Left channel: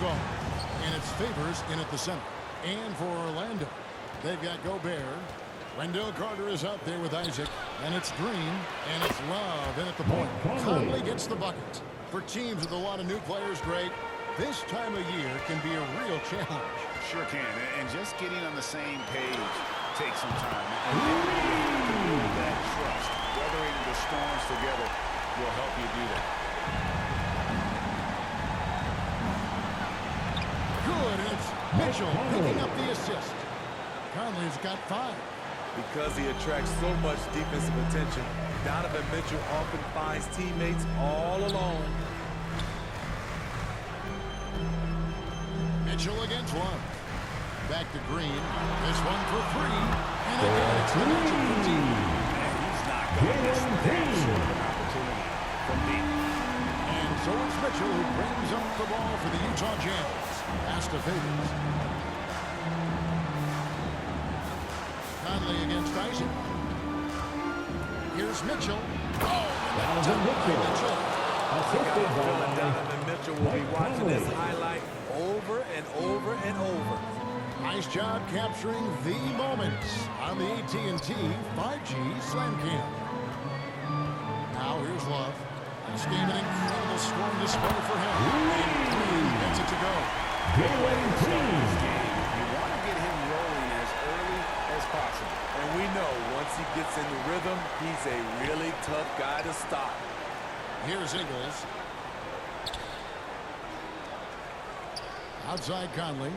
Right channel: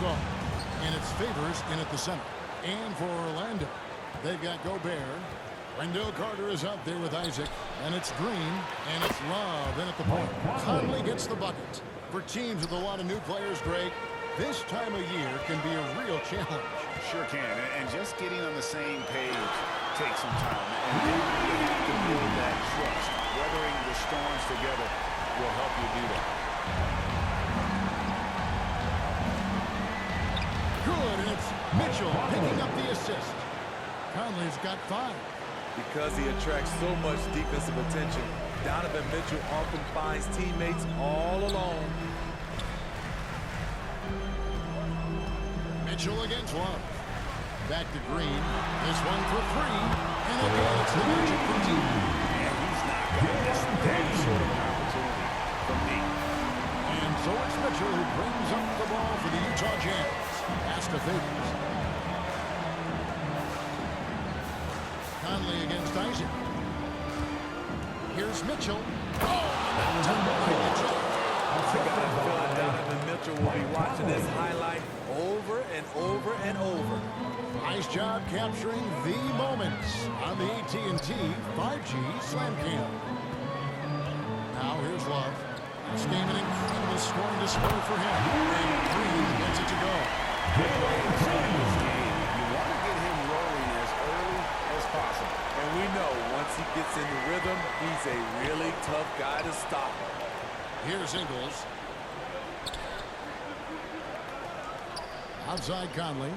go. And it's Favors in at the center. And for Orlando, they've got Gobert. Wendell Carter is out there with Isaac. And it's Green. And it's Love in at the point. Conley gets the bucket. For teams with a lot of new players, Greg, this time of year can be a real challenge. Sure can. And just getting on the same page takes some time. And then you have to build that trust. Weathering the storms together will help you do that. Good, and it's Mitchell picking up the assist. Conley's got 5. Because he attracts so much defensive attention, Donovan Mitchell often finds teammates all alone. Mitchell against Love. Back to Green. This one for 3. And again, it's the Magic from deep. And he's not going to miss that sort of an opportunity from deep. And so it's Mitchell who brings up the ball for the Utah Jazz. Pass to Favors. Conley against Isaac. Here's Mitchell. Oh, and the dunk by Mitchell. I got a feeling Donovan Mitchell will be watching this highlight over and over and over. Nice job capturing the moments on the AT&T 5G Slam Cam. Now here's Love. This game an incredible scoring display for him. And Green gets it to go. Good way to start this game. You want to get him rolling as early as possible. And we know once he gets in the rhythm, he's a really tough guy to stop. Here's Ingles. Outside Conley.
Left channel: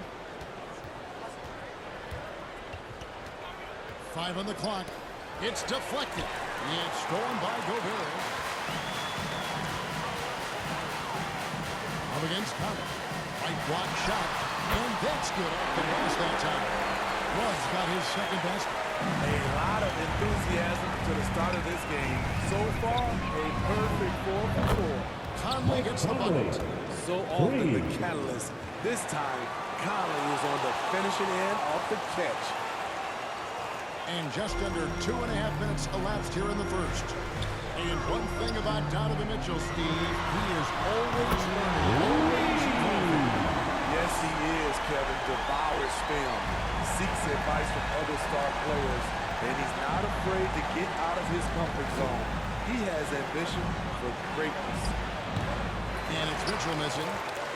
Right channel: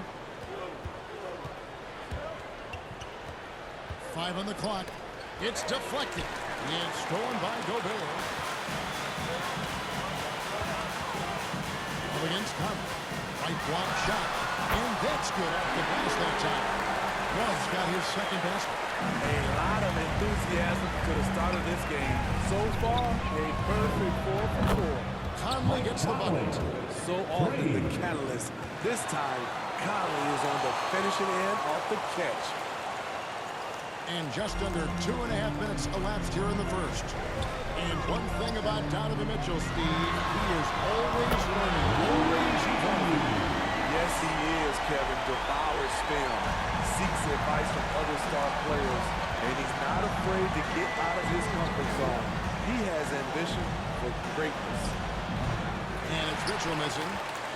5 on the clock. It's deflected. It's stolen by Gobert. Up against Conley. Right block shot. And that's good off the glass that time. Love's got his second basket. A lot of enthusiasm to the start of this game. So far, a perfect 4 for 4. Conley gets the bucket. So often the catalyst. This time, Conley is on the finishing end off the catch. And just under 2.5 minutes elapsed here in the first. And one thing about Donovan Mitchell, Steve, he is always learning, always evolving. Yes, he is, Kevin. Devours film. Seeks advice from other star players. And he's not afraid to get out of his comfort zone. He has ambition for greatness. And it's Mitchell missing.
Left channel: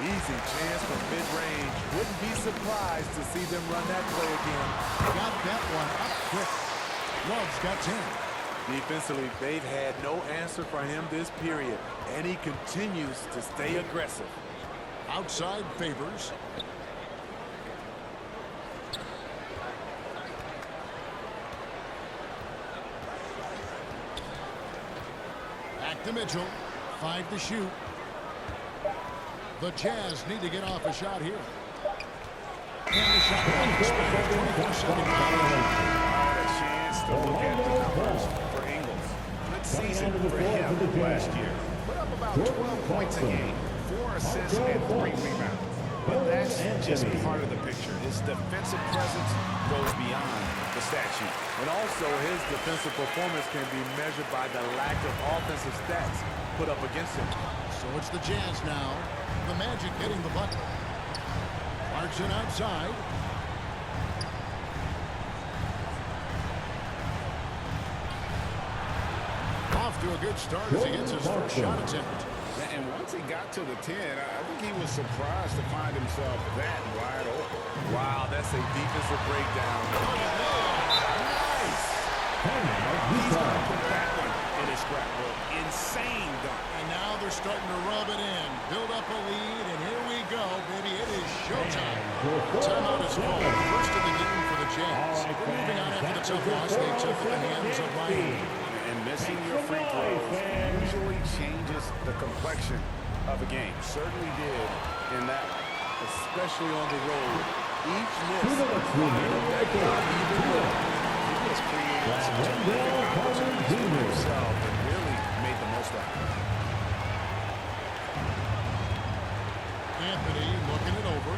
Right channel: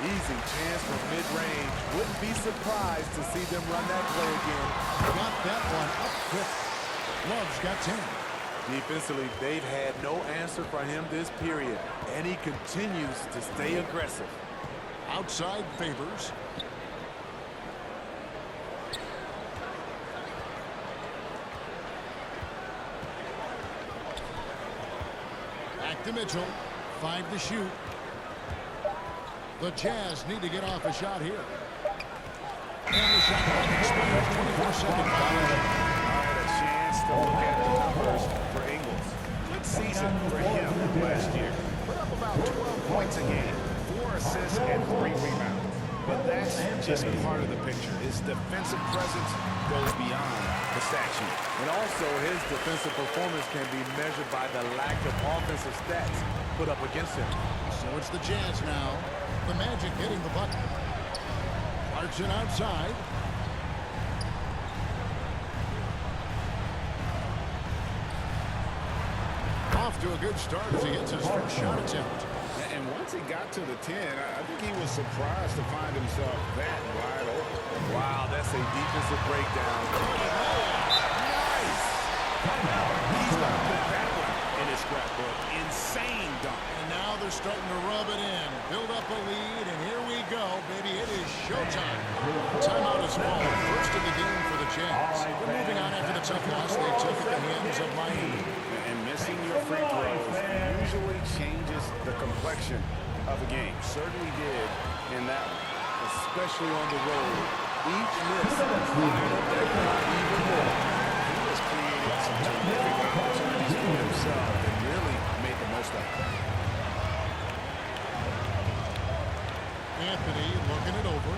Easy chance from mid-range. Wouldn't be surprised to see them run that play again. Got that one up quick. Love's got 10. Defensively, they've had no answer for him this period. And he continues to stay aggressive. Outside Favors. Back to Mitchell. 5 to shoot. The Jazz need to get off a shot here. And the shot clock expires. 24-second violation. All right, a chance to look at the numbers for Ingles. Good season for him last year. Put up about 12 points a game, 4 assists and 3 rebounds. But that's just part of the picture. His defensive presence goes beyond the stat sheet. And also, his defensive performance can be measured by the lack of offensive stats put up against him. So it's the Jazz now. The Magic hitting the button. Clarkson outside. Off to a good start as he gets his first shot attempt. And once he got to the 10, I think he was surprised to find himself that wide open. Wow, that's a defensive breakdown. Nice! He's going to put that one in his scrapbook. Insane dunk. And now they're starting to rub it in. Build up a lead, and here we go, baby. It is showtime. Timeout is called. First of the game for the Jazz. They're moving on after the tough loss they took at the hands of Miami. And missing your free throws usually changes the complexion of a game. Certainly did in that one. Especially on the road. Each miss fired up that crowd even more. He has created some terrific opportunities for himself and really made the most of it. Anthony looking it over.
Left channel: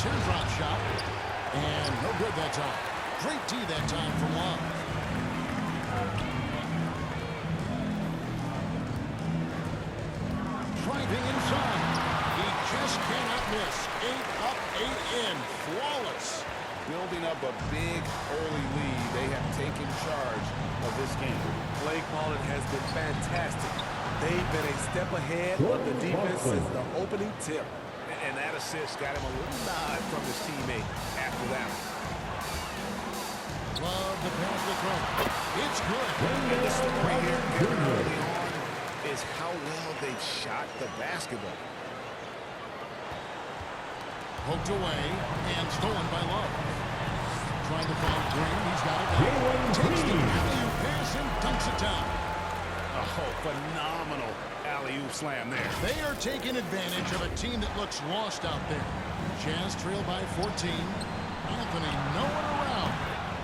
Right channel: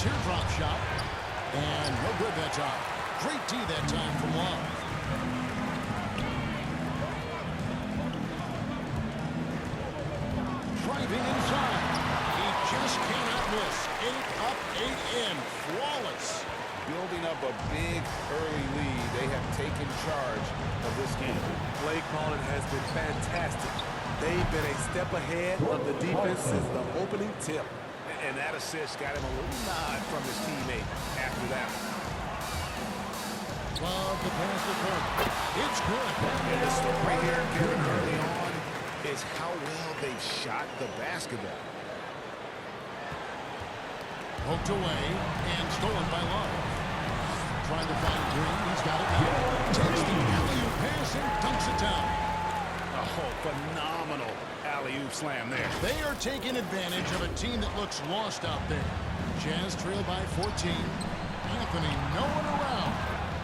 Teardrop shot. And no good that time. Great D that time from Love. Driving inside. He just cannot miss. 8 up, 8 in. Flawless. Building up a big early lead. They have taken charge of this game. Play calling has been fantastic. They've been a step ahead of the defense since the opening tip. And that assist got him a little nod from his teammate after that one. Love the pass to Carter. It's good. And the story here, Kevin, early on is how well they've shot the basketball. Poked away and stolen by Love. Trying to find Green. He's got it now. Takes the alley-oop pass and dunks it down. Oh, phenomenal alley-oop slam there. They are taking advantage of a team that looks lost out there. Jazz trail by 14. Anthony nowhere around.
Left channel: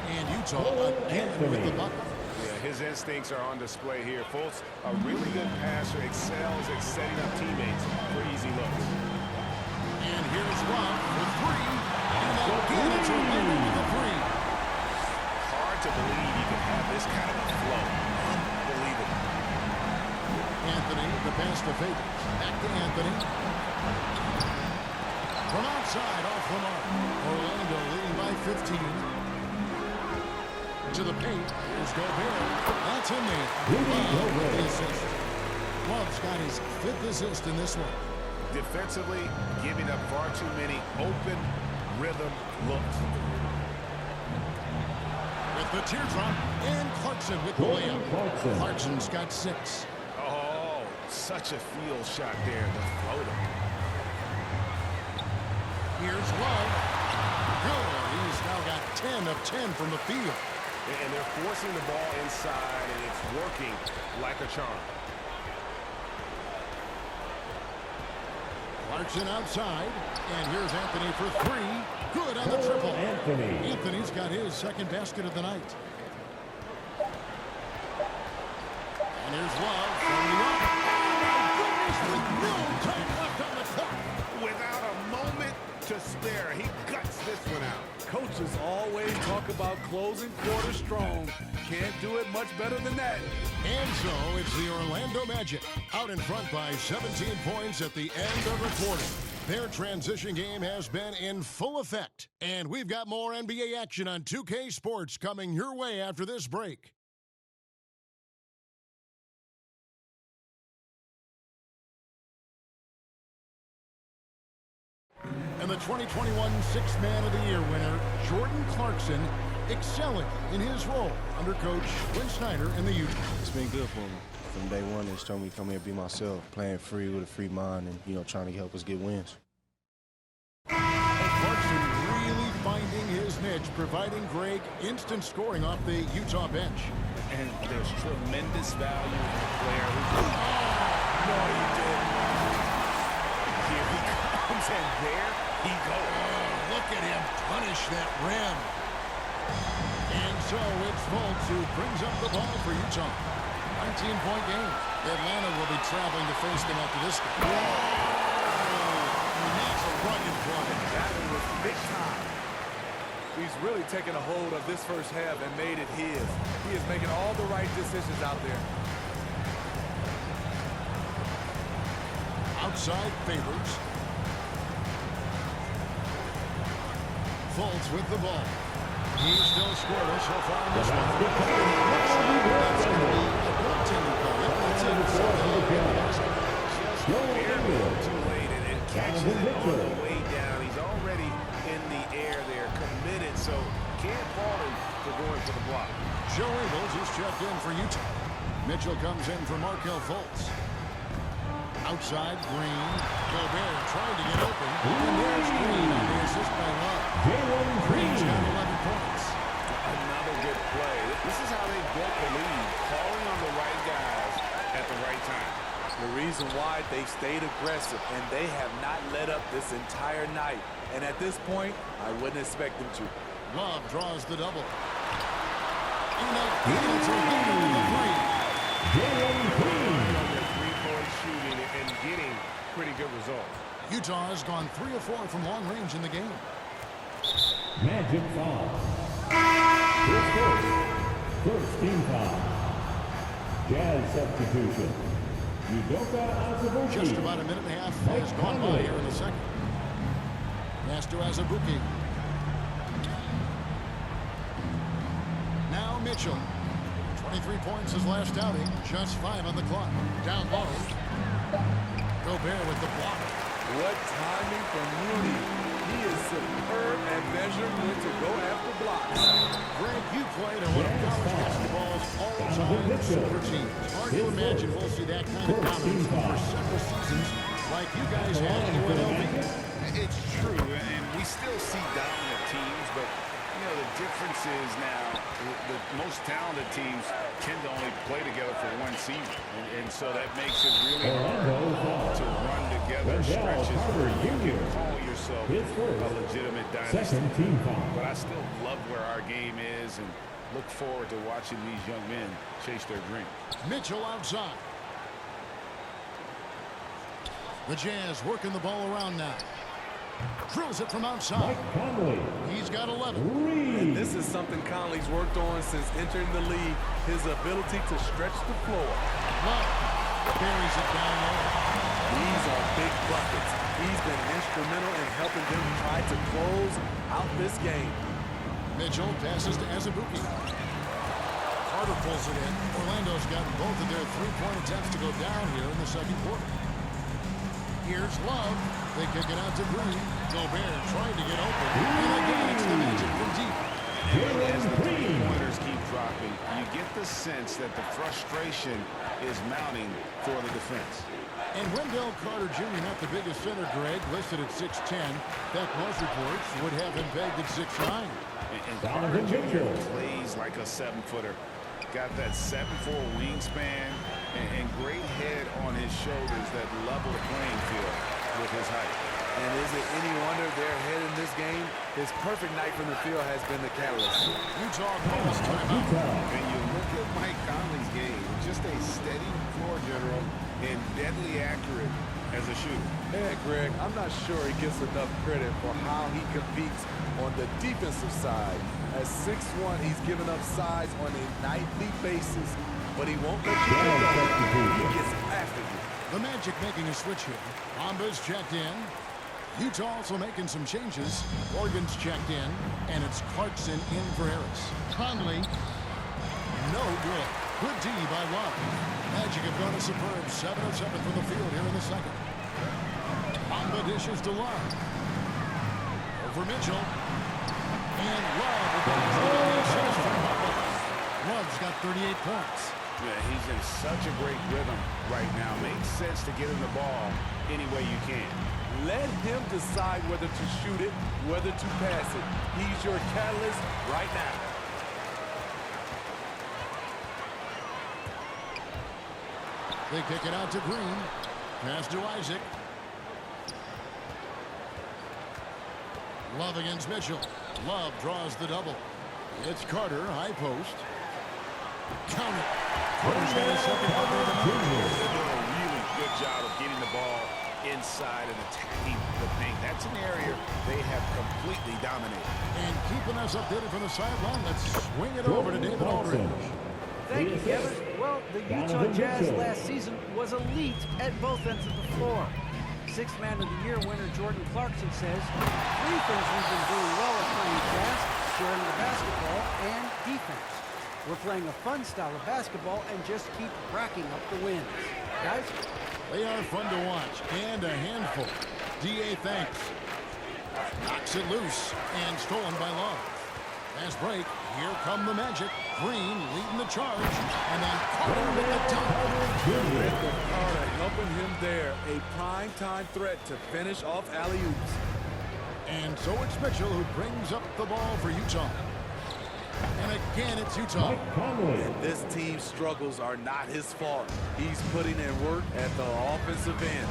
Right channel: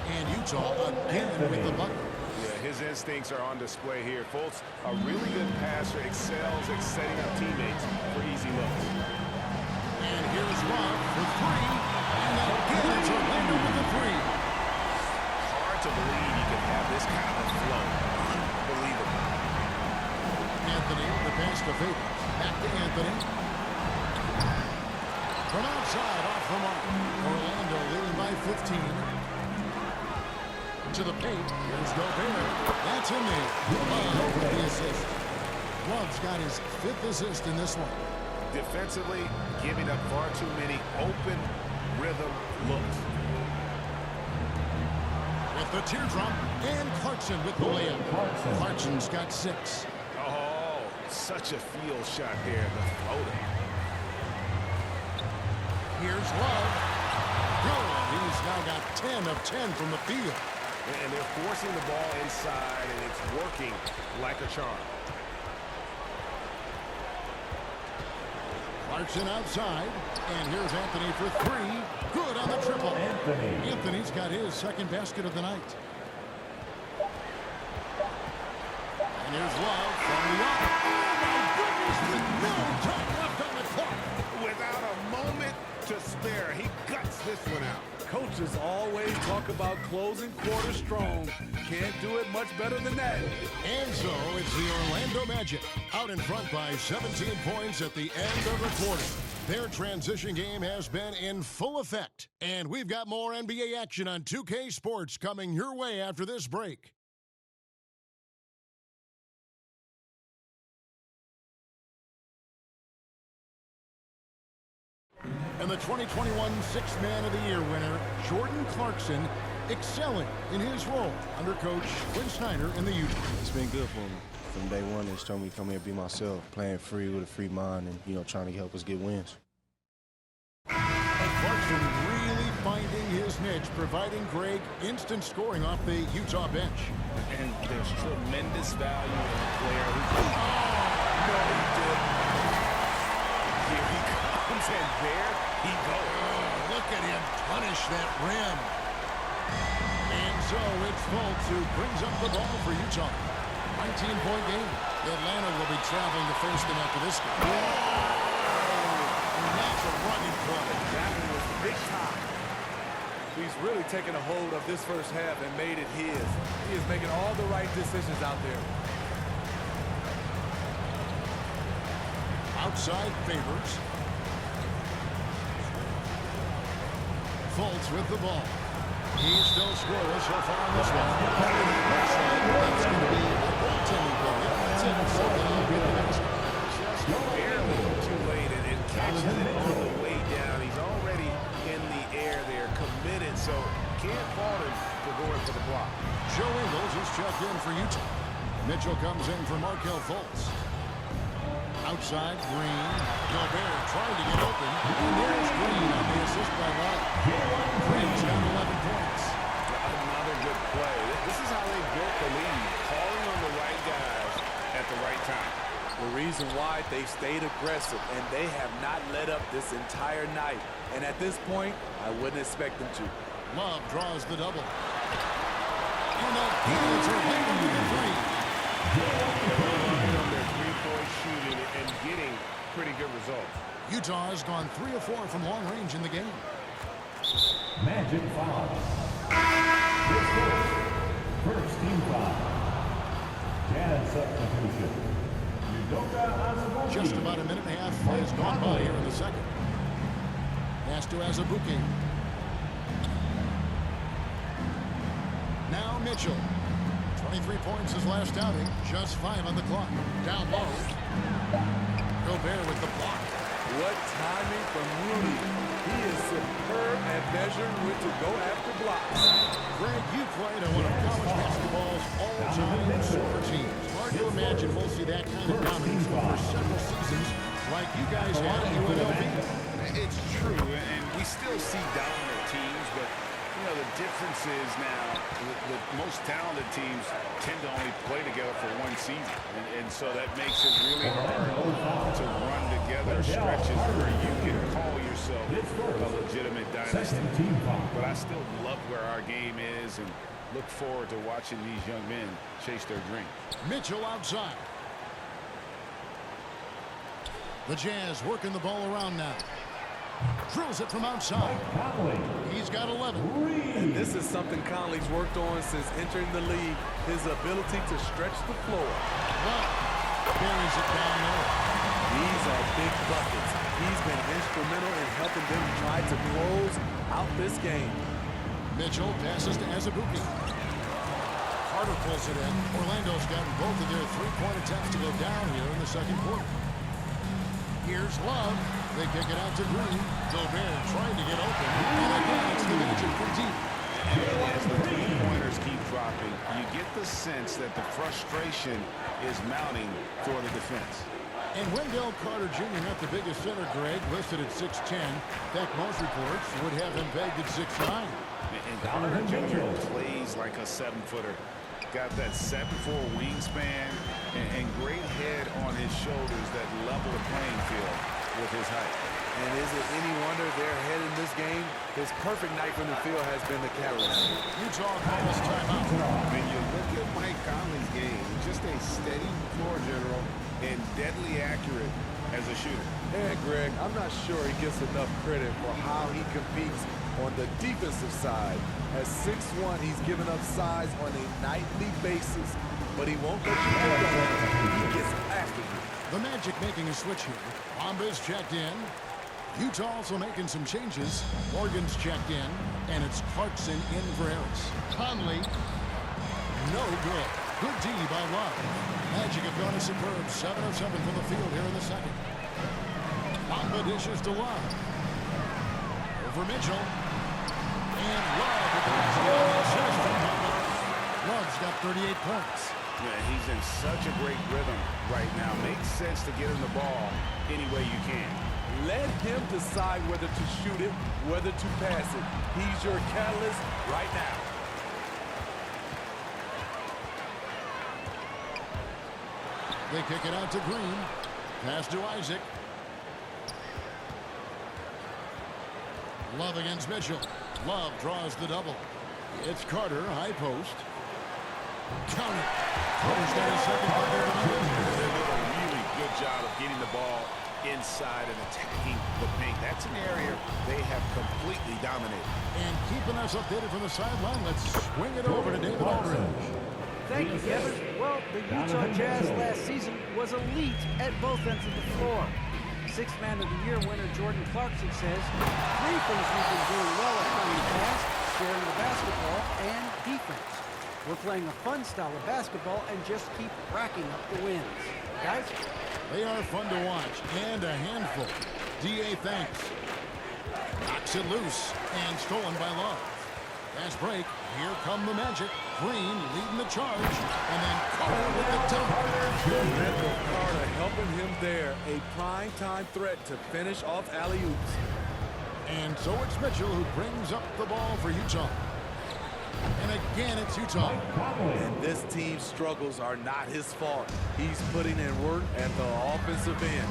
And Utah again with the bucket. Yeah, his instincts are on display here. Fultz, a really good passer, excels at setting up teammates for easy looks. And here's Love for three. And again, it's Orlando with the three. Hard to believe you could have this kind of a flow. Unbelievable. Anthony, the pass to Favors. Back to Anthony. From outside, off the mark. Orlando leading by 15. To the paint. Here's Gobert. That's in there. Love with the assist. Love's got his 5th assist in this one. Defensively, giving up far too many open rhythm looks. With the teardrop, and Clarkson with the layup. Clarkson's got 6. Oh, such a field shot there, the floater. Here's Love. Good. He's now got 10 of 10 from the field. And they're forcing the ball inside, and it's working like a charm. Clarkson outside, and here's Anthony for 3. Good on the triple. Anthony's got his 2nd basket of the night. And here's Love from the arc. Oh, my goodness, with no time left on the clock. Without a moment to spare, he guts this one out. Coaches always talk about closing quarter strong. Can't do it much better than that. And so it's the Orlando Magic out in front by 17 points at the end of the quarter. Their transition game has been in full effect. And we've got more NBA action on 2K Sports coming your way after this break. And the 2021 Sixth Man of the Year winner, Jordan Clarkson, excelling in his role under Coach Quinn Snyder and the Utah. It's been good for me. From day one, they told me to come here and be myself, playing free with a free mind and, trying to help us get wins. And Clarkson really finding his niche, providing Greg instant scoring off the Utah bench. And there's tremendous value in a player who... Oh! No, he didn't. Here he comes, and there he goes. Oh, look at him punish that rim. And so it's Fultz who brings up the ball for Utah. 19-point game. Atlanta will be traveling to face them after this game. Whoa! And that's a running play. That one was big time. He's really taken a hold of this first half and made it his. He is making all the right decisions out there. Outside Favors. Fultz with the ball. He's still scoreless so far in this one. And it looks like that's going to be a goaltending goal. Yep, that's it. So they'll get the basket. Just barely too late, and catches it on the way down. He's already in the air there, committed, so can't fault him for going for the block. Joe Ingles is checked in for Utah. Mitchell comes in for Markelle Fultz. Outside, Green. Gobert trying to get open. And there's Green on the assist by Love. Green's got 11 points. Another good play. This is how they built the lead, calling on the right guys at the right time. The reason why they stayed aggressive, and they have not let up this entire night. And at this point, I wouldn't expect them to. Love draws the double. And again, it's Orlando with the three. Relying on their three-point shooting and getting pretty good results. Utah has gone 3 of 4 from long range in the game. Magic foul. First team foul. Jazz substitution. Udoka Azubuike. Just about a minute and a half has gone by here in the second. Pass to Azubuike. Now Mitchell. 23 points his last outing. Just 5 on the clock. Down low. Gobert with the block. What timing from Rudy. He is superb at measuring when to go after blocks. Greg, you played on one of college basketball's all-time super teams. Hard to imagine we'll see that kind of dominance over several seasons like you guys had at UNLV. It's true, and we still see dominant teams, but you know, the difference is now the most talented teams tend to only play together for one season. And so that makes it really hard to run together stretches where you can call yourself a legitimate dynasty. But I still love where our game is and look forward to watching these young men chase their dreams. Mitchell outside. The Jazz working the ball around now. Drills it from outside. Conley. He's got 11. And this is something Conley's worked on since entering the league, his ability to stretch the floor. Love buries it down low. These are big buckets. He's been instrumental in helping them try to close out this game. Mitchell passes to Azubuike. Carter pulls it in. Orlando's gotten both of their three-point attempts to go down here in the second quarter. Here's Love. They kick it out to Green. Gobert trying to get open. And again, it's the Magic from deep. And really, as the three-pointers keep dropping, you get the sense that the frustration is mounting for the defense. And Wendell Carter Jr., not the biggest center, Greg, listed at 6'10". In fact, most reports would have him pegged at 6'9". And Carter Jr. plays like a 7-footer. Got that 7'4" wingspan and great head on his shoulders that level the playing field with his height. And is it any wonder they're ahead in this game? His perfect night from the field has been the catalyst. Utah calls timeout. When you look at Mike Conley's game, just a steady floor general and deadly accurate as a shooter. And Greg, I'm not sure he gets enough credit for how he competes on the defensive side. At 6'1", he's given up size on a nightly basis, but he won't let you get going. He gets after you. The Magic making a switch here. Bamba's checked in. Utah also making some changes. Morgan's checked in, and it's Clarkson in for Harris. Conley, no good. Good D by Love. Magic have gone a superb 7 of 7 from the field here in the second. Bamba dishes to Love. Over Mitchell. And Love with the basket on the assist from Bamba. Love's got 38 points. Yeah, he's in such a great rhythm right now. Makes sense to get him the ball any way you can. Let him decide whether to shoot it, whether to pass it. He's your catalyst right now. They kick it out to Green. Pass to Isaac. Love against Mitchell. Love draws the double. It's Carter, high post. Count it. Carter's got his second bucket of the night. They're doing a really good job of getting the ball inside and attacking the paint. That's an area they have completely dominated. And keeping us updated from the sideline, let's swing it over to David Aldridge. Thank you, Kevin. Well, the Utah Jazz last season was elite at both ends of the floor. Sixth Man of the Year winner Jordan Clarkson says, 3 things we've been doing well at playing fast, sharing the basketball, and defense. We're playing a fun style of basketball and just keep racking up the wins. Guys? They are fun to watch and a handful. D.A. thanks. Knocks it loose and stolen by Love. Fast break. Here come the Magic. Green leading the charge. And then Carter with the dunk. Wendell Carter helping him there. A prime-time threat to finish off alley-oops. And so it's Mitchell who brings up the ball for Utah. And again, it's Utah. And this team's struggles are not his fault. He's putting in work at the offensive end.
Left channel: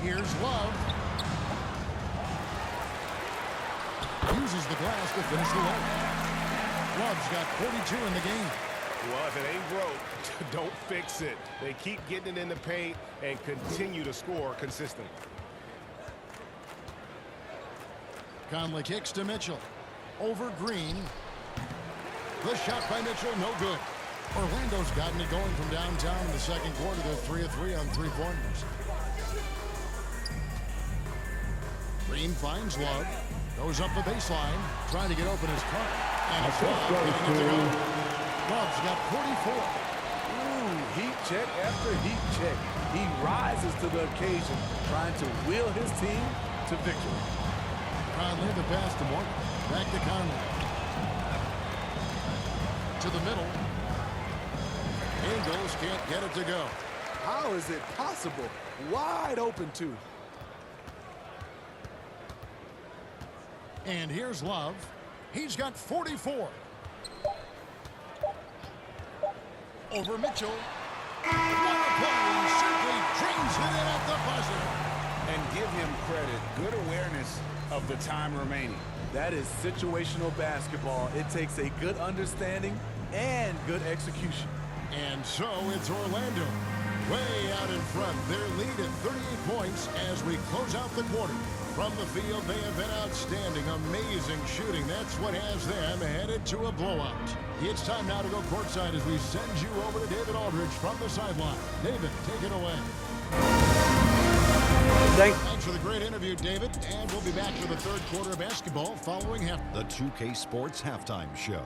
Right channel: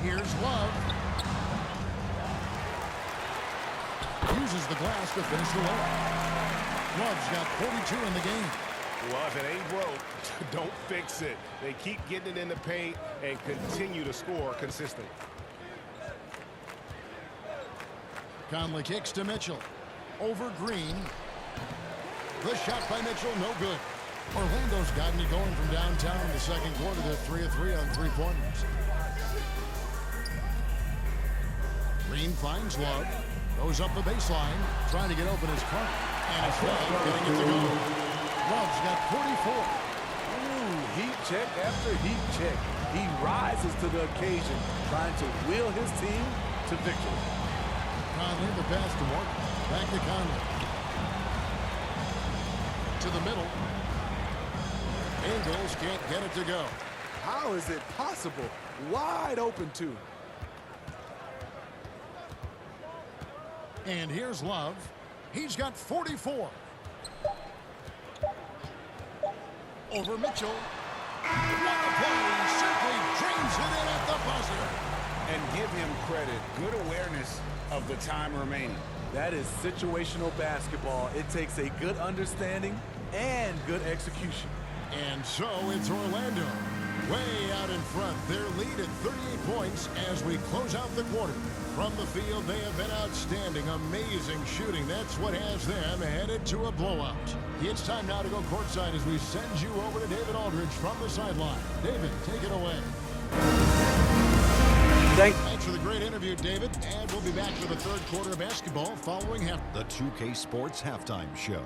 Here's Love. Uses the glass to finish the layup. Love's got 42 in the game. Well, if it ain't broke, don't fix it. They keep getting it in the paint and continue to score consistently. Conley kicks to Mitchell. Over Green. The shot by Mitchell, no good. Orlando's gotten it going from downtown in the second quarter. They're 3 of 3 on three-pointers. Green finds Love. Goes up the baseline. Trying to get open his Carter. And it's Love getting it to go. Love's got 44. Ooh, heat check after heat check. He rises to the occasion, trying to wheel his team to victory. Conley, the pass to Morgan. Back to Conley. To the middle. Ingles can't get it to go. How is it possible? Wide open, too. And here's Love. He's got 44. Over Mitchell. What a play. Simply drains it in at the buzzer. And give him credit. Good awareness of the time remaining. That is situational basketball. It takes a good understanding and good execution. And so it's Orlando. Way out in front. Their lead at 38 points as we close out the quarter. From the field, they have been outstanding. Amazing shooting. That's what has them headed to a blowout. It's time now to go courtside as we send you over to David Aldridge from the sideline. David, take it away. Thanks for the great interview, David. And we'll be back for the third quarter of basketball following half. The 2K Sports Halftime Show.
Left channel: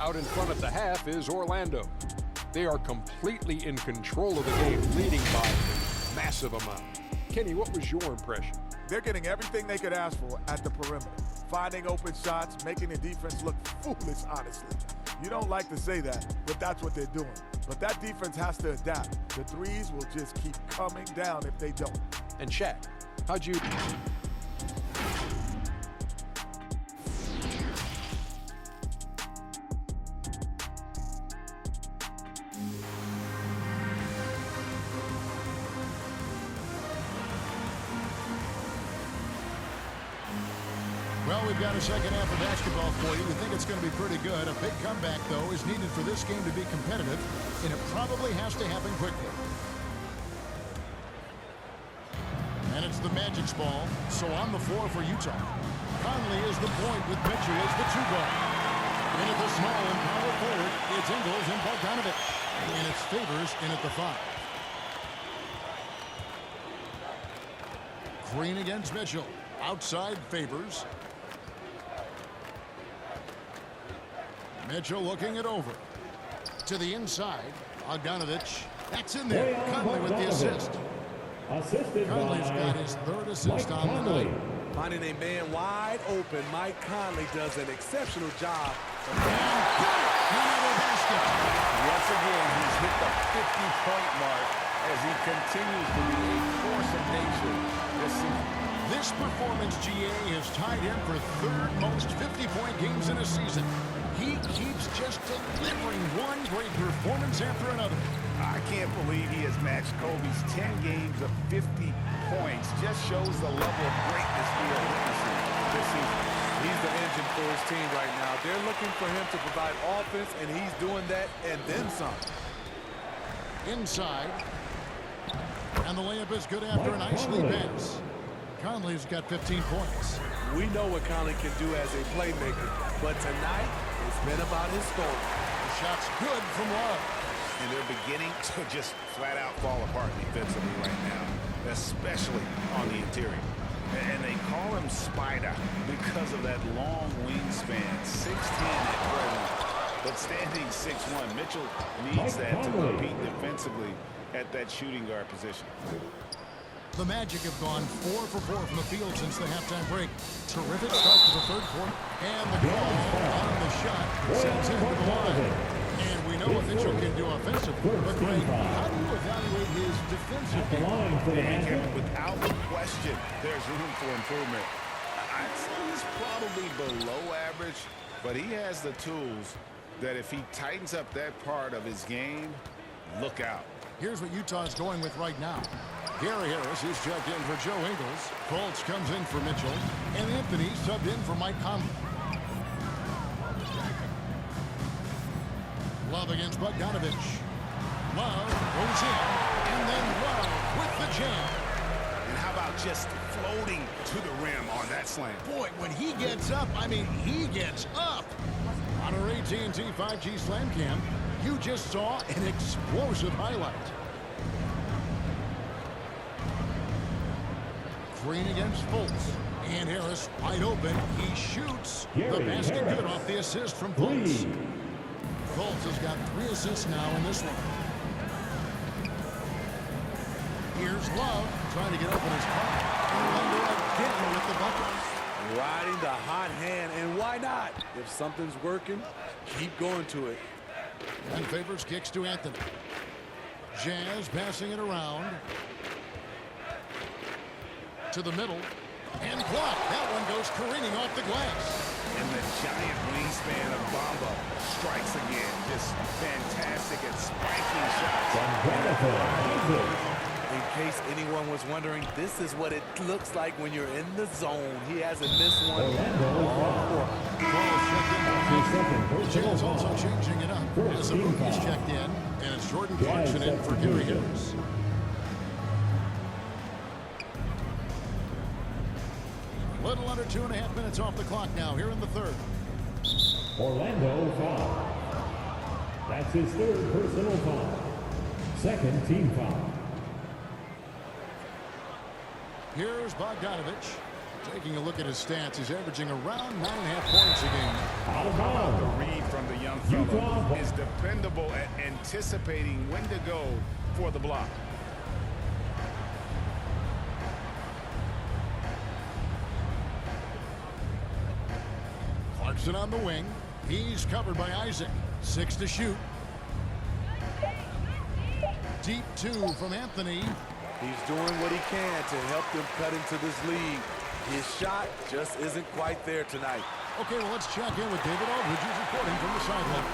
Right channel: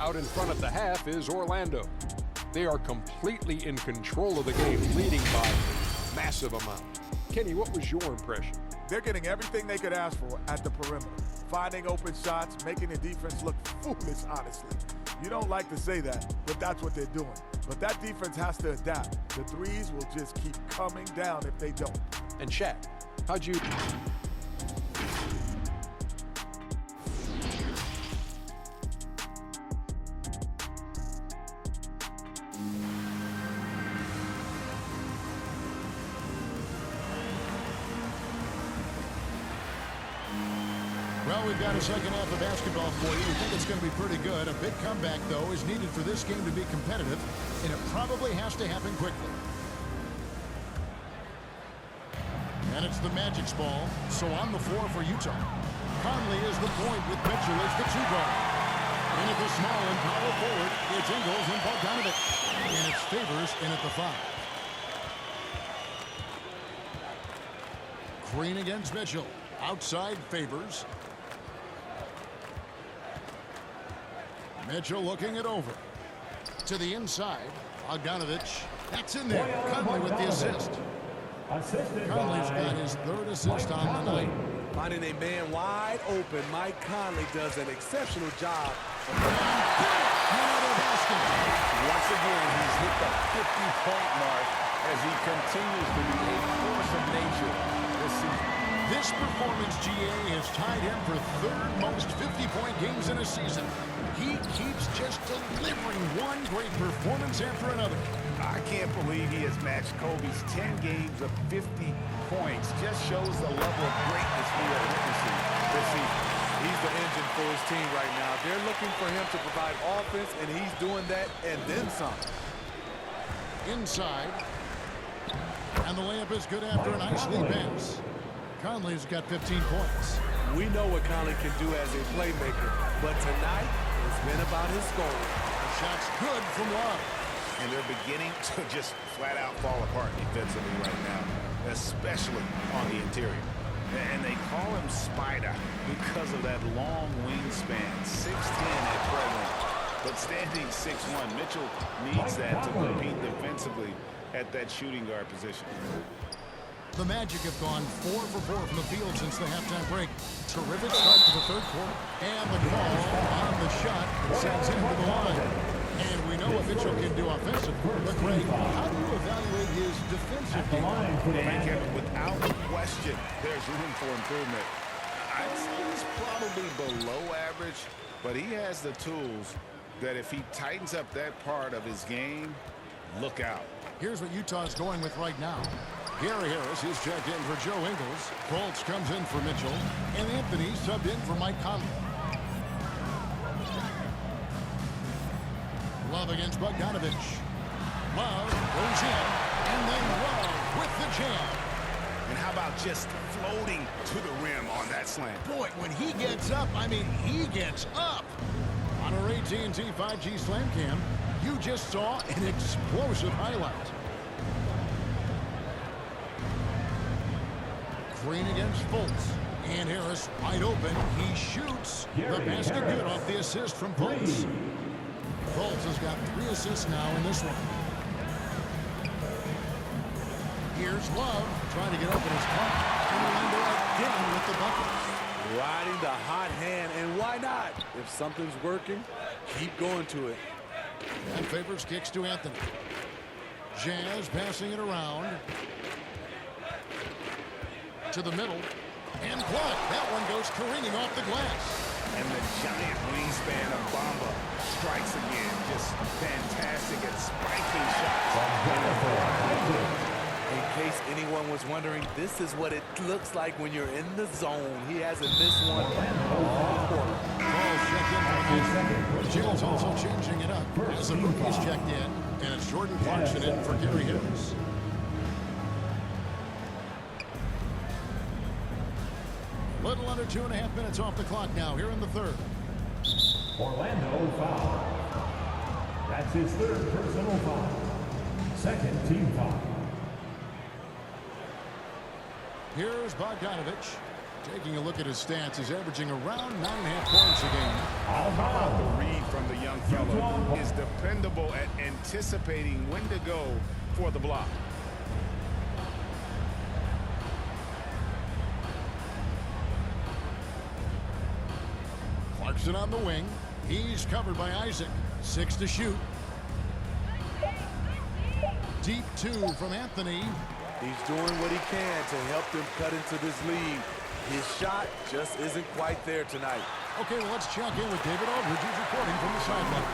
Out in front at the half is Orlando. They are completely in control of the game, leading by a massive amount. Kenny, what was your impression? They're getting everything they could ask for at the perimeter. Finding open shots, making the defense look foolish, honestly. You don't like to say that, but that's what they're doing. But that defense has to adapt. The threes will just keep coming down if they don't. And Shaq, how'd you... Well, we've got a second half of basketball for you. We think it's going to be pretty good. A big comeback, though, is needed for this game to be competitive, and it probably has to happen quickly. And it's the Magic's ball, so on the floor for Utah. Conley is the point with Mitchell as the two guard. In at the small and power forward, it's Ingles and Bogdanovich. And it's Favors in at the 5. Green against Mitchell. Outside Favors. Mitchell looking it over. To the inside. Bogdanovich. That's in there. Conley with the assist. Conley's got his third assist on the night. Finding a man wide open, Mike Conley does an exceptional job. And got it! Another basket. Once again, he's hit the 50-point mark as he continues to be a force of nature this season. This performance, GA, has tied him for third most 50-point games in a season. He keeps just delivering one great performance after another. I can't believe he has matched Kobe's 10 games of 50 points. Just shows the level of greatness we are witnessing this season. He's the engine for his team right now. They're looking for him to provide offense, and he's doing that and then some. Inside. And the layup is good after a nice lead pass. Conley's got 15 points. We know what Conley can do as a playmaker, but tonight it's been about his scoring. The shot's good from Love. And they're beginning to just flat out fall apart defensively right now, especially on the interior. And they call him Spider because of that long wingspan, 6'10" at present, but standing 6'1". Mitchell needs that to compete defensively at that shooting guard position. The Magic have gone 4 for 4 from the field since the halftime break. Terrific start to the third quarter. And the call on the shot that sends him to the line. And we know what Mitchell can do offensively. But, Greg, how do you evaluate his defensive game? And Kevin, without question, there's room for improvement. I'd say he's probably below average, but he has the tools that if he tightens up that part of his game, look out. Here's what Utah's going with right now. Gary Harris is checked in for Joe Ingles. Colts comes in for Mitchell. And Anthony subbed in for Mike Conley. Love against Bogdanovich. Love goes in, and then Love with the jam. And how about just floating to the rim on that slam? Boy, when he gets up, I mean, he gets up. On our AT&T 5G Slam Cam, you just saw an explosive highlight. Green against Fultz. And Harris wide open. He shoots. The basket good off the assist from Fultz. Fultz has got 3 assists now in this one. Here's Love trying to get open his car. And Orlando again with the bucket. Riding the hot hand, and why not? If something's working, keep going to it. And Favors kicks to Anthony. Jazz passing it around. To the middle. And blocked. That one goes careening off the glass. And the giant wingspan of Bamba strikes again. Just fantastic at spiking shots. In a variety of ways. In case anyone was wondering, this is what it looks like when you're in the zone. He hasn't missed one all quarter. Ball checked in for the Jazz also changing it up as the rookies checked in, and it's Jordan Clarkson in for Gary Harris. Little under 2.5 minutes off the clock now here in the third. Orlando foul. That's his 3rd personal foul. 2nd team foul. Here's Bogdanovich. Taking a look at his stats, he's averaging around 9.5 points a game. How about the read from the young fellow? Is dependable at anticipating when to go for the block. Clarkson on the wing. He's covered by Isaac. 6 to shoot. Deep 2 from Anthony. He's doing what he can to help them cut into this lead. His shot just isn't quite there tonight. Okay, well, let's check in with David Aldridge, who's reporting from the sideline.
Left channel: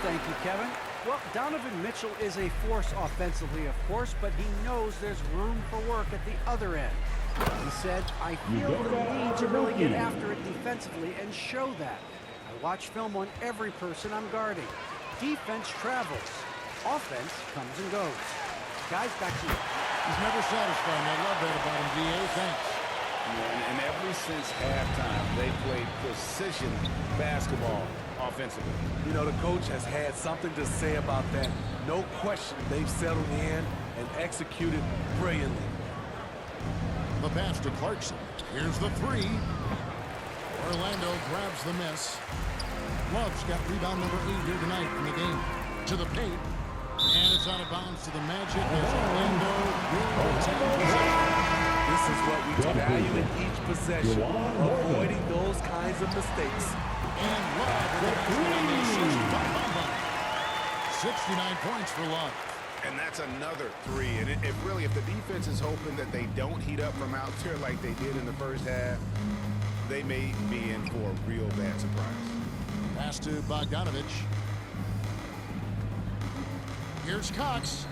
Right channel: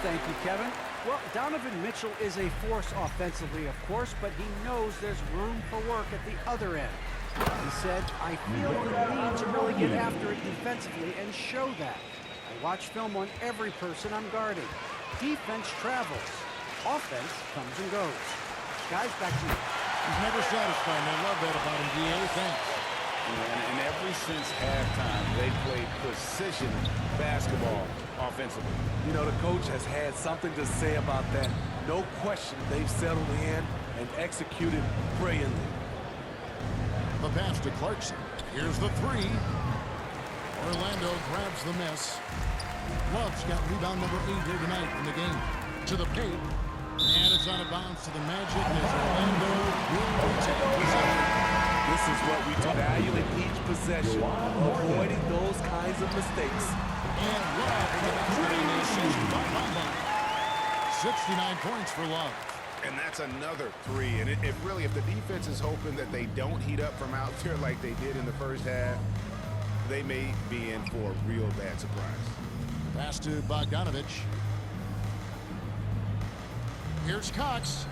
Thank you, Kevin. Well, Donovan Mitchell is a force offensively, of course, but he knows there's room for work at the other end. He said, I feel the need to really get after it defensively and show that. I watch film on every person I'm guarding. Defense travels. Offense comes and goes. Guys, back to you. He's never satisfied, and I love that about him, D.A. Thanks. And ever since halftime, they played precision basketball offensively. You know, the coach has had something to say about that. No question, they've settled in and executed brilliantly. The pass to Clarkson. Here's the 3. Orlando grabs the miss. Love's got rebound number 8 here tonight in the game. To the paint. And it's out of bounds to the Magic as Orlando will retain possession. This is what we value in each possession, avoiding those kinds of mistakes. And Love with the basket on the assist by Bamba. 69 points for Love. And that's another 3. And if the defense is hoping that they don't heat up from out there like they did in the first half, they may be in for a real bad surprise. Pass to Bogdanovich. Here's Cox.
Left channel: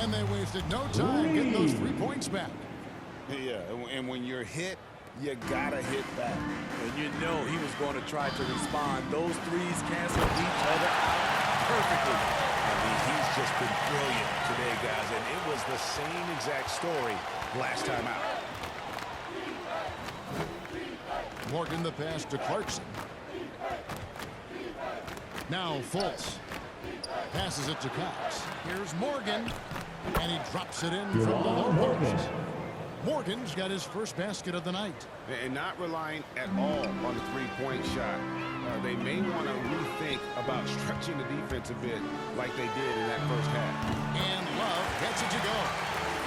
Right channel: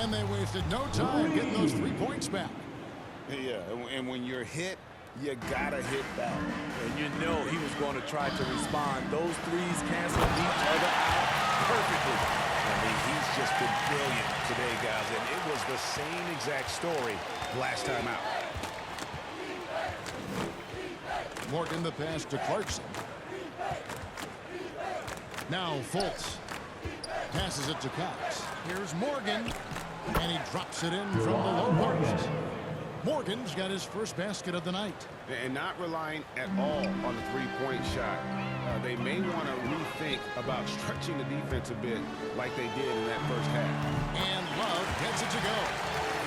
And they wasted no time getting those 3 points back. Yeah, and when you're hit, you gotta hit back. And you know he was going to try to respond. Those threes canceled each other out perfectly. I mean, he's just been brilliant today, guys, and it was the same exact story last time out. Morgan the pass to Clarkson. Now Fultz passes it to Cox. Here's Morgan, and he drops it in from the low post. Morgan's got his first basket of the night. And not relying at all on the three-point shot. They may want to rethink about stretching the defense a bit like they did in that first half. And Love gets it to go.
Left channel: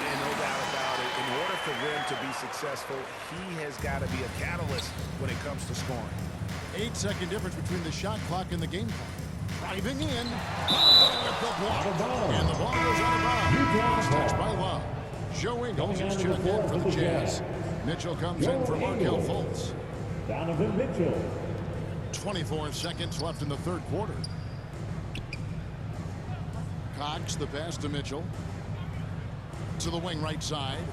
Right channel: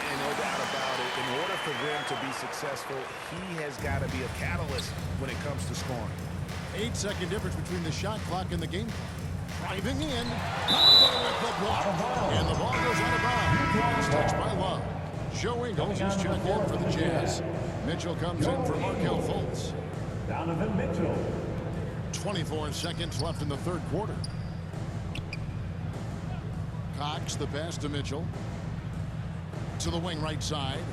And no doubt about it, in order for them to be successful, he has got to be a catalyst when it comes to scoring. 8-second difference between the shot clock and the game clock. Driving in, Bamba with the block. And the ball goes out of bounds. Touched by Love. Joe Ingles is checked in for the Jazz. Mitchell comes in for Markelle Fultz. Donovan Mitchell. 24 seconds left in the third quarter. Cox, the pass to Mitchell. To the wing right side.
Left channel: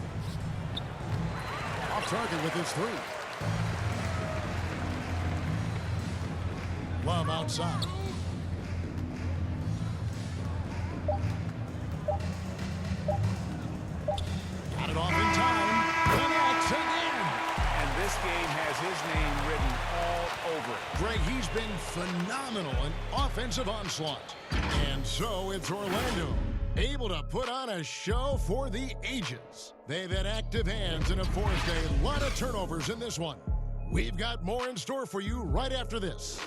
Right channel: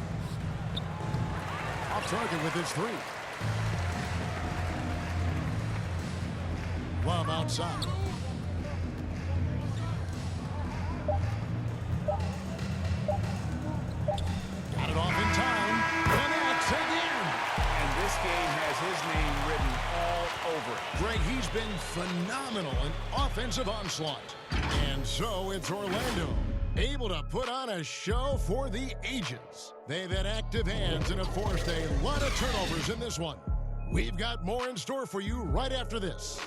Off target with his 3. Love outside. has his name written all over it. Greg, he's been phenomenal in offensive onslaught. And so it's Orlando, able to put on a show for the ages. They've had active hands and have forced a lot of turnovers in this one. We've got more in store for you right after this.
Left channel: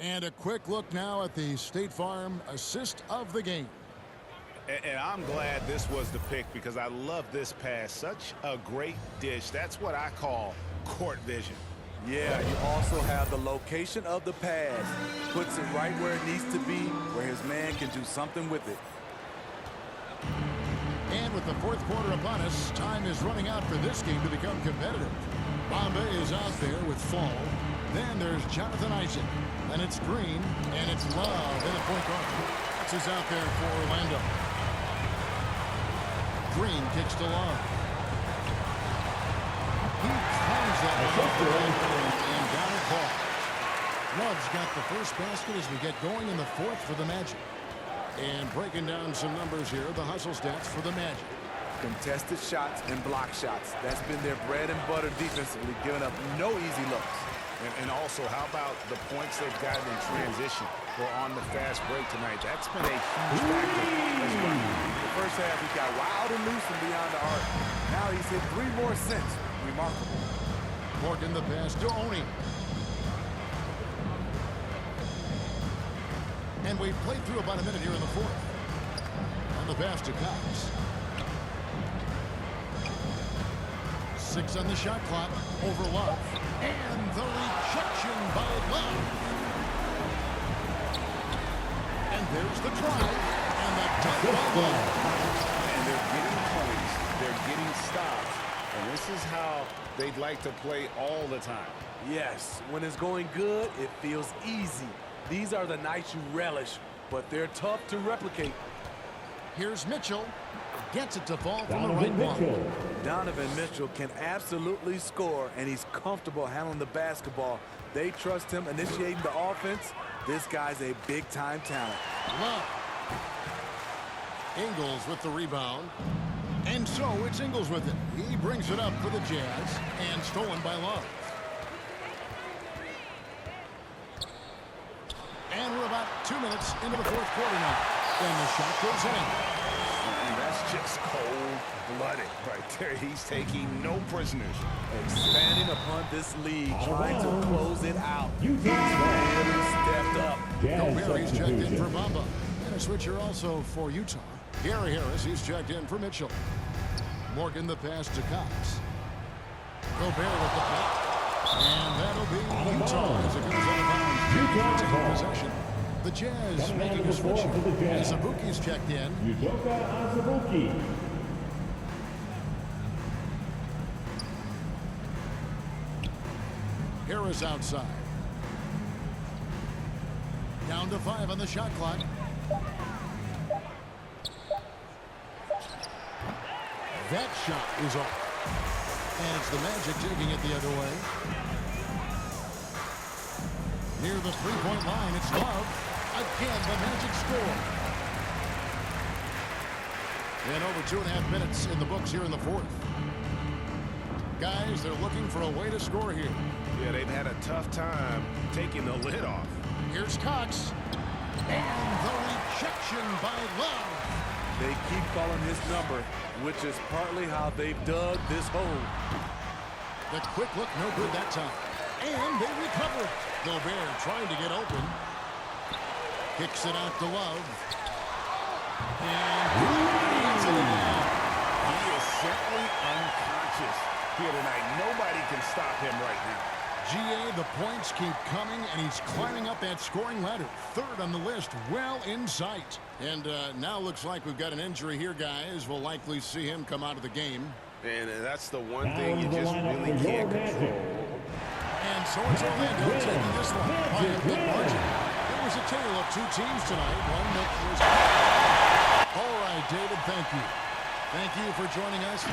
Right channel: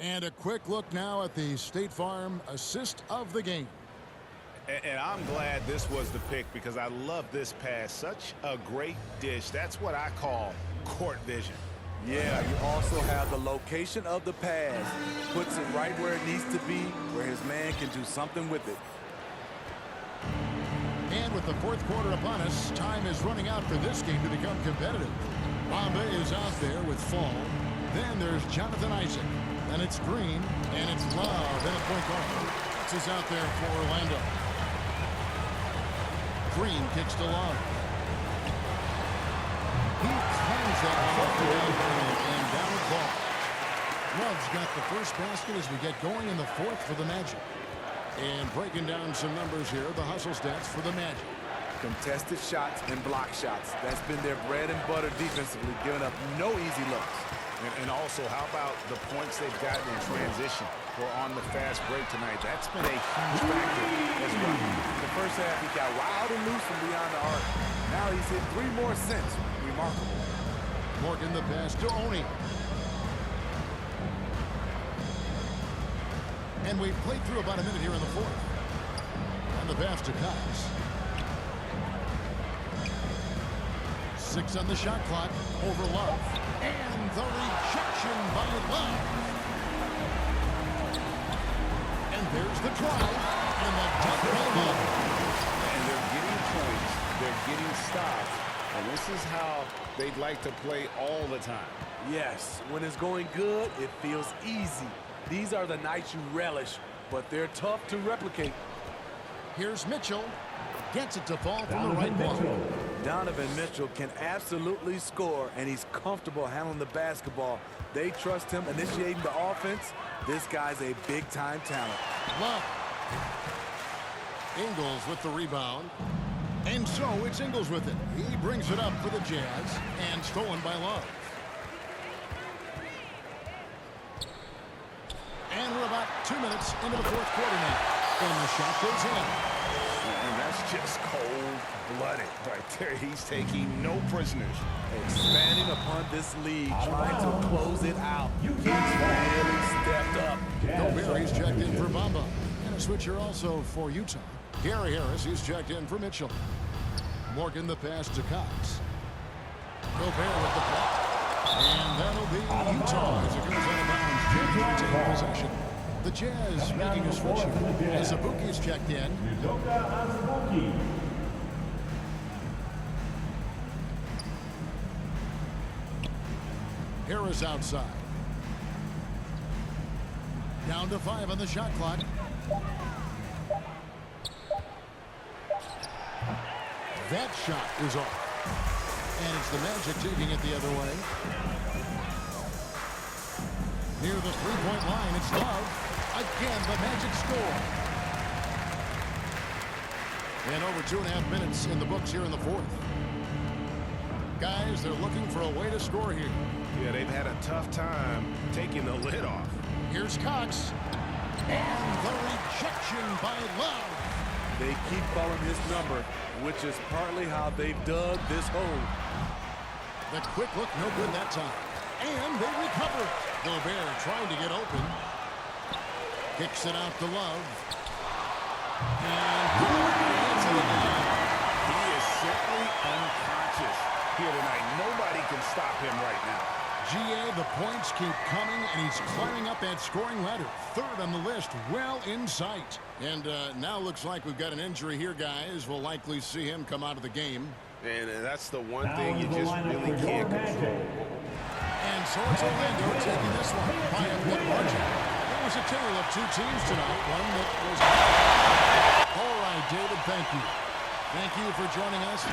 And a quick look now at the State Farm assist of the game. And I'm glad this was the pick because I love this pass. Such a great dish. That's what I call court vision. Yeah, you also have the location of the pass. Puts it right where it needs to be, where his man can do something with it. And with the fourth quarter upon us, time is running out for this game to become competitive. Bamba is out there with Fall. Then there's Jonathan Isaac. Then it's Green, and it's Love in at point guard. That's is out there for Orlando. Green kicks to Love. He claims that one off the backboard and down it falls. Love's got the first basket as we get going in the fourth for the Magic. And breaking down some numbers here, the hustle stats for the Magic. Contested shots and block shots. That's been their bread and butter defensively, giving up no easy looks. And also, how about the points they've gotten in transition or on the fast break tonight? That's been a huge factor as well. In the first half, he got wild and loose from beyond the arc. Now he's hit 3 more since. Remarkable. Morgan the pass to Oni. And we've played through about a minute here in the fourth. And the pass to Cox. 6 on the shot clock over Love. And the rejection by Love. And there's the drive. And the dunk by Love. And they're getting points. They're getting stops. And this is how they'd like to play all the time. Yes, when it's going good, it feels easy. These are the nights you relish, but they're tough to replicate. Here's Mitchell. Gets it to fall from the right block. Donovan Mitchell can absolutely score, and he's comfortable handling the basketball. They trust him initiating the offense. This guy's a big-time talent. Love. Ingles with the rebound. And so it's Ingles with it. He brings it up for the Jazz, and stolen by Love. And we're about 2 minutes into the fourth quarter now. And the shot goes in. And that's just cold-blooded right there. He's taking no prisoners. Expanding upon this lead, trying to close it out. He's really stepped up. Gobert, he's checked in for Bamba. And a switcher also for Utah. Gary Harris, he's checked in for Mitchell. Morgan the pass to Cox. Gobert with the block. And that'll be Utah as it goes out of bounds. Jazz retain possession. The Jazz making a switch here. Azubuike's checked in. Udoka Azubuike. Harris outside. Down to 5 on the shot clock. That shot is off. And it's the Magic taking it the other way. Near the three-point line, it's Love. Again, the Magic score. And over 2.5 minutes in the books here in the fourth. Guys, they're looking for a way to score here. Yeah, they've had a tough time taking the lid off. Here's Cox. And the rejection by Love. They keep calling his number, which is partly how they've dug this hole. The quick look, no good that time. And they recover it. Gobert trying to get open. Kicks it out to Love. And he hits it again. He is simply unconscious here tonight. Nobody can stop him right now. GA, the points keep coming, and he's climbing up that scoring ladder. Third on the list, well in sight. And now looks like we've got an injury here, guys. We'll likely see him come out of the game. And that's the one thing you just really can't control. And so it's Orlando taking this one by a big margin. It was a tale of 2 teams tonight. One that was... All right, David, thank you. Thank you for joining us.